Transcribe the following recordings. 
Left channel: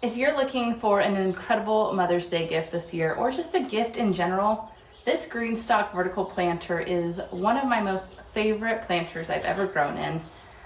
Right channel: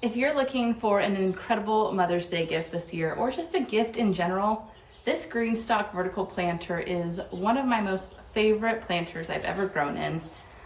If you're looking for an incredible Mother's Day gift this year, or just a gift in general, this GreenStalk Vertical planter is one of my most favorite planters I've ever grown in.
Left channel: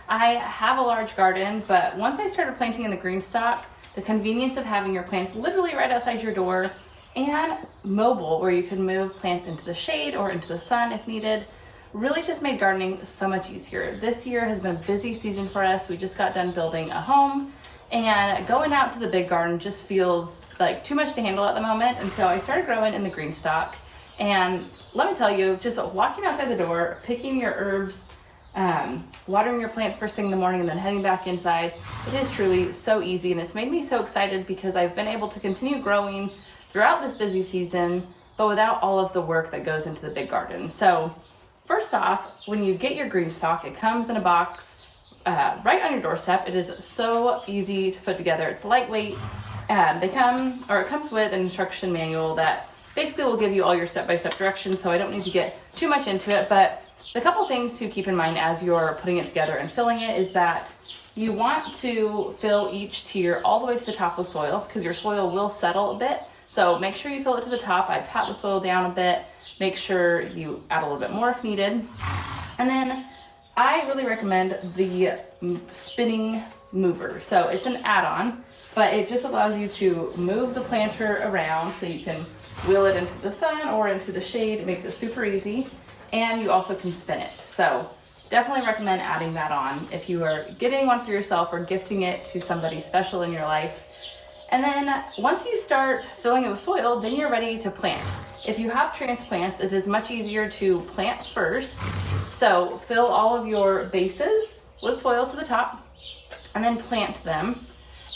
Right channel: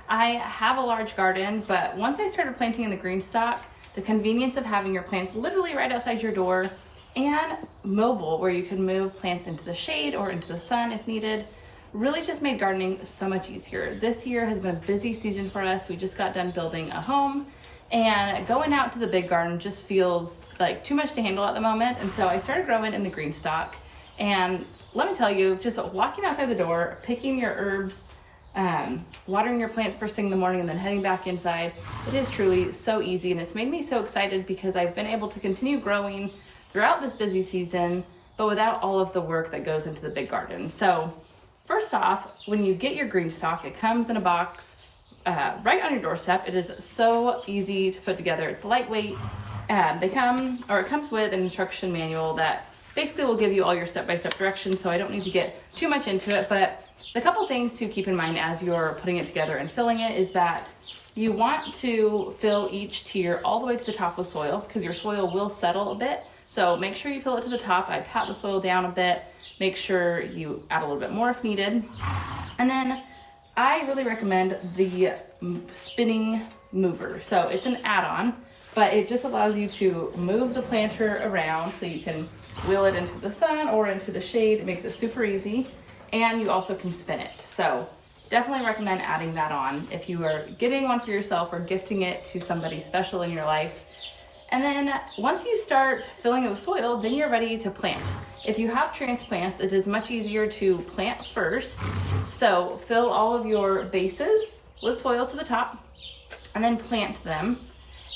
I have a large garden, but once I started planting in the GreenStalk, the convenience of having your plants literally right outside your door and mobile, where you can move plants into the shade or into the sun if needed, really just made gardening so much easier. This year has been a busy season for us. We just got done building a home, and going out to the big garden just feels like too much to handle at the moment. And so I started growing in the GreenStalk. And let me tell you, just walking outside the door, picking your herbs, watering your plants first thing in the morning and then heading back inside, it is truly so easy. And it's made me so excited because I've been able to continue growing throughout this busy season, but without all of the work that goes into the big garden. So first off, when you get your GreenStalk, it comes in a box right on your doorstep. It is so easy to put together. It's lightweight. It comes with an instruction manual that basically will give you all your step-by-step directions, so I don't need to get too much into it. But the couple things to keep in mind as you're putting it together and filling it is that you want to fill each tier all the way to the top with soil, because your soil will settle a bit. So make sure you fill it to the top. I pat the soil down a bit, make sure you add a little bit more if needed. And then I really recommend the spinning mover. So it's an add-on, but it just allows you to move the planter around so you can wheel it into the sun or into the shade. It makes it super easy, and you also can spin it. So definitely recommend adding that on if you are getting one for yourself or gifting it to somebody special in your life. And then once you start filling it with soil, then you're ready to plant. If you have transplants, it is much easier to plant first. So fill all of your bases with soil to the top and then plant them.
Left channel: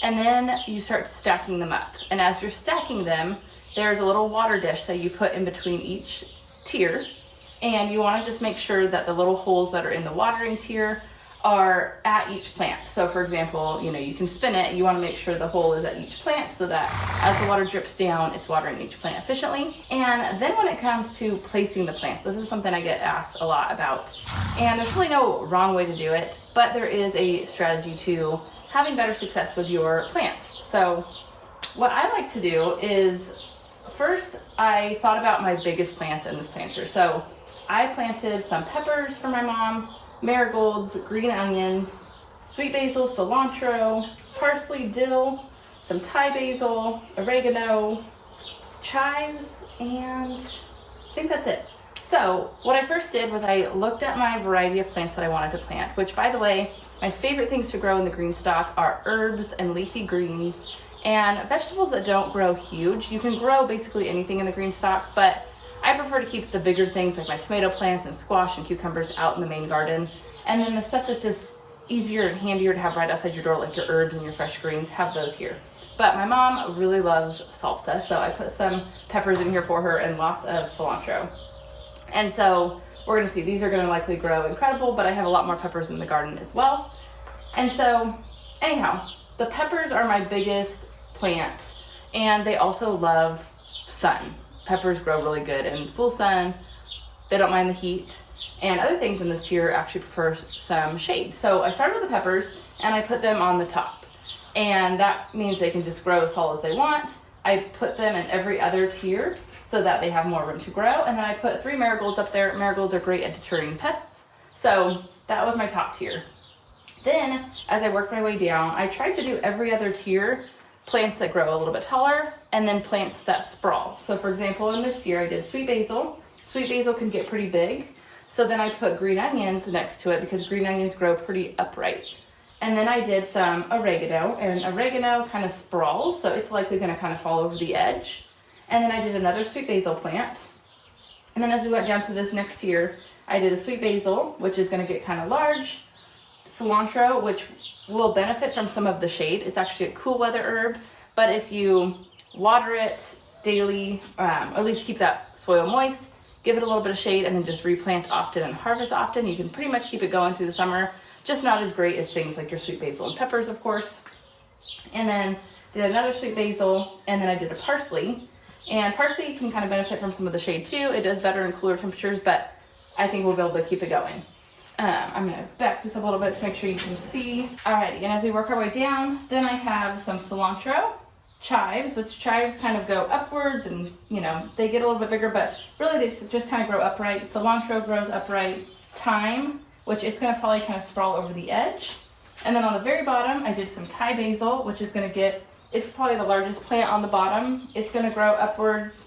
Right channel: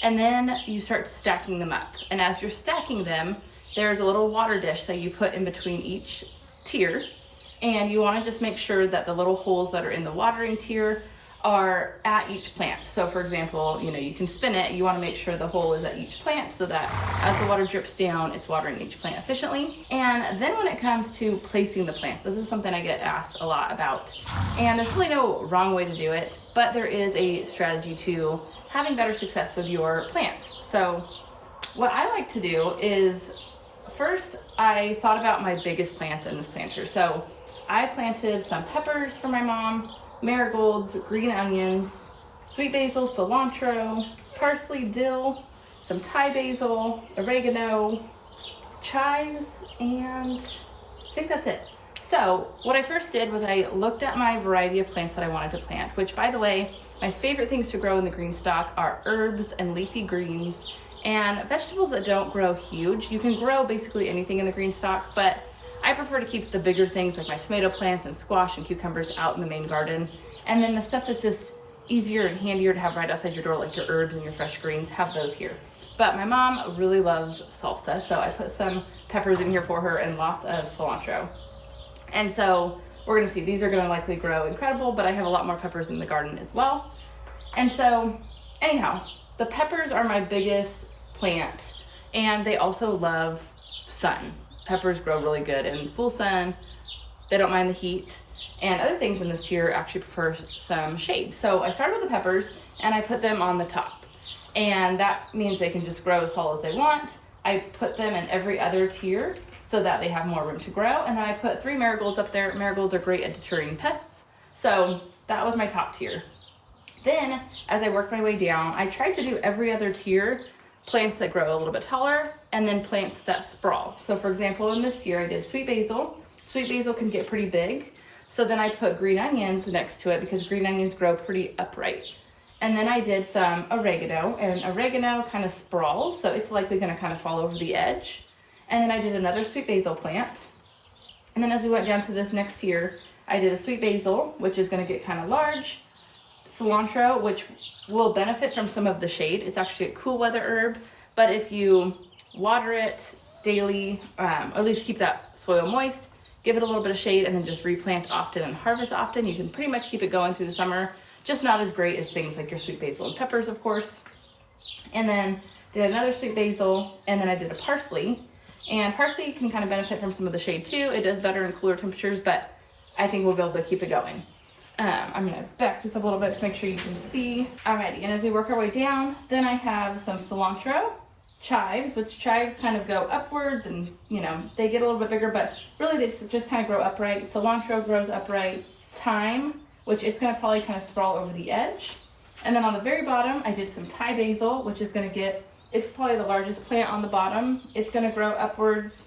And then you start stacking them up. And as you're stacking them, there's a little water dish that you put in between each tier. And you want to just make sure that the little holes that are in the watering tier are at each plant. So for example, you can spin it. You want to make sure the hole is at each plant so that as the water drips down, it's watering each plant efficiently. And then when it comes to placing the plants, this is something I get asked a lot about. And there's really no wrong way to do it, but there is a strategy to having better success with your plants. So what I like to do is, first I thought about my biggest plants in this planter. So I planted some peppers for my mom, marigolds, green onions, sweet basil, cilantro, parsley, dill, some Thai basil, oregano, chives, and I think that's it. So what I first did was I looked at my variety of plants that I wanted to plant, which, by the way, my favorite things to grow in the GreenStalk are herbs and leafy greens and vegetables that don't grow huge. You can grow basically anything in the GreenStalk, but I prefer to keep the bigger things like my tomato plants and squash and cucumbers out in the main garden. And then the stuff that's just easier and handier to have right outside your door, like your herbs and your fresh greens, have those here. But my mom really loves salsa, so I put some peppers in here for her and lots of cilantro. And so we're gonna see, these are gonna likely grow incredible, but I have a lot more peppers in the garden as well. And so anyhow, the peppers are my biggest plant, and they also love sun. Peppers grow really good in full sun. They don't mind the heat. And other things in this tier actually prefer some shade. So I started with the peppers and I put them on the top. And that means they can just grow as tall as they want. I put them in every other tier so that they have more room to grow. And then I put 3 marigolds up there. Marigolds are great at deterring pests. So that was my top tier. Then as I worked my way down, I tried to do every other tier, plants that grow a little bit taller, and then plants that sprawl. So for example, in this tier, I did sweet basil. Sweet basil can get pretty big. So then I put green onions next to it because green onions grow pretty upright. And then I did some oregano, and oregano kind of sprawls, so it's likely gonna kind of fall over the edge. And then I did another sweet basil plant. And then as we went down to this next tier, I did a sweet basil, which is gonna get kind of large, cilantro, which will benefit from some of the shade. It's actually a cool weather herb, but if you water it daily, at least keep that soil moist, give it a little bit of shade, and then just replant often and harvest often, you can pretty much keep it going through the summer. Just not as great as things like your sweet basil and peppers, of course. And then did another sweet basil, and then I did a parsley. And parsley can kind of benefit from some of the shade too. It does better in cooler temperatures, but I think we'll be able to keep it going. I'm gonna back this up a little bit to make sure you can see. Alrighty, and as we work our way down, then I have some cilantro, chives, which chives kind of go upwards and, you know, they get a little bit bigger, but really they just kind of grow upright. Cilantro grows upright. Thyme, which it's going to probably kind of sprawl over the edge. And then on the very bottom, I did some Thai basil, which is going to get, it's probably the largest plant on the bottom. It's going to grow upwards.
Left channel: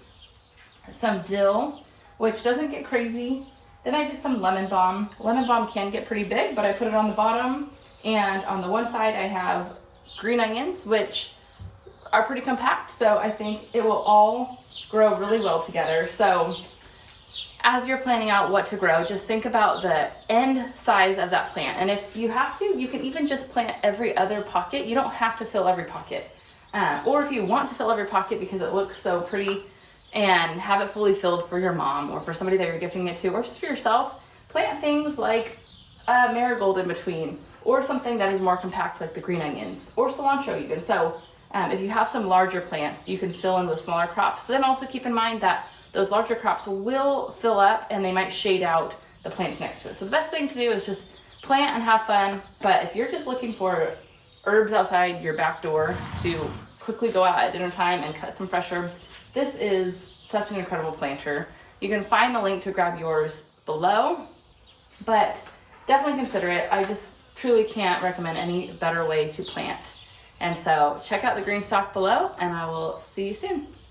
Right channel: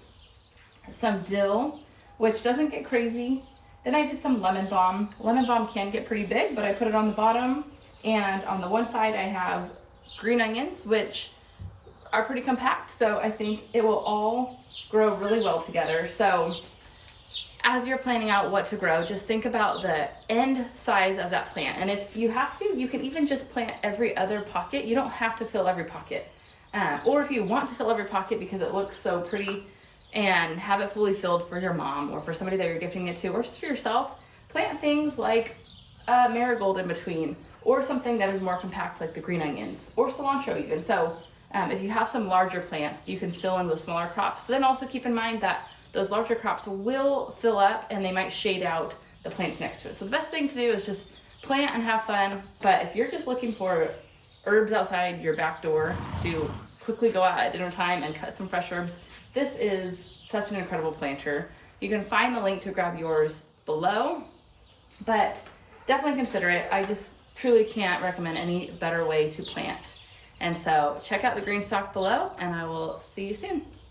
Some dill, which doesn't get crazy. Then I did some lemon balm. Lemon balm can get pretty big, but I put it on the bottom. And on the one side, I have green onions, which are pretty compact. So I think it will all grow really well together. So as you're planning out what to grow, just think about the end size of that plant. And if you have to, you can even just plant every other pocket. You don't have to fill every pocket. Or if you want to fill every pocket because it looks so pretty and have it fully filled for your mom or for somebody that you're gifting it to, or just for yourself, plant things like a marigold in between, or something that is more compact like the green onions or cilantro even. So if you have some larger plants, you can fill in with smaller crops. But then also keep in mind that those larger crops will fill up and they might shade out the plants next to it. So the best thing to do is just plant and have fun. But if you're just looking for herbs outside your back door to quickly go out at dinner time and cut some fresh herbs, this is such an incredible planter. You can find the link to grab yours below, but definitely consider it. I just truly can't recommend any better way to plant. And so check out the GreenStalk below, and I will see you soon.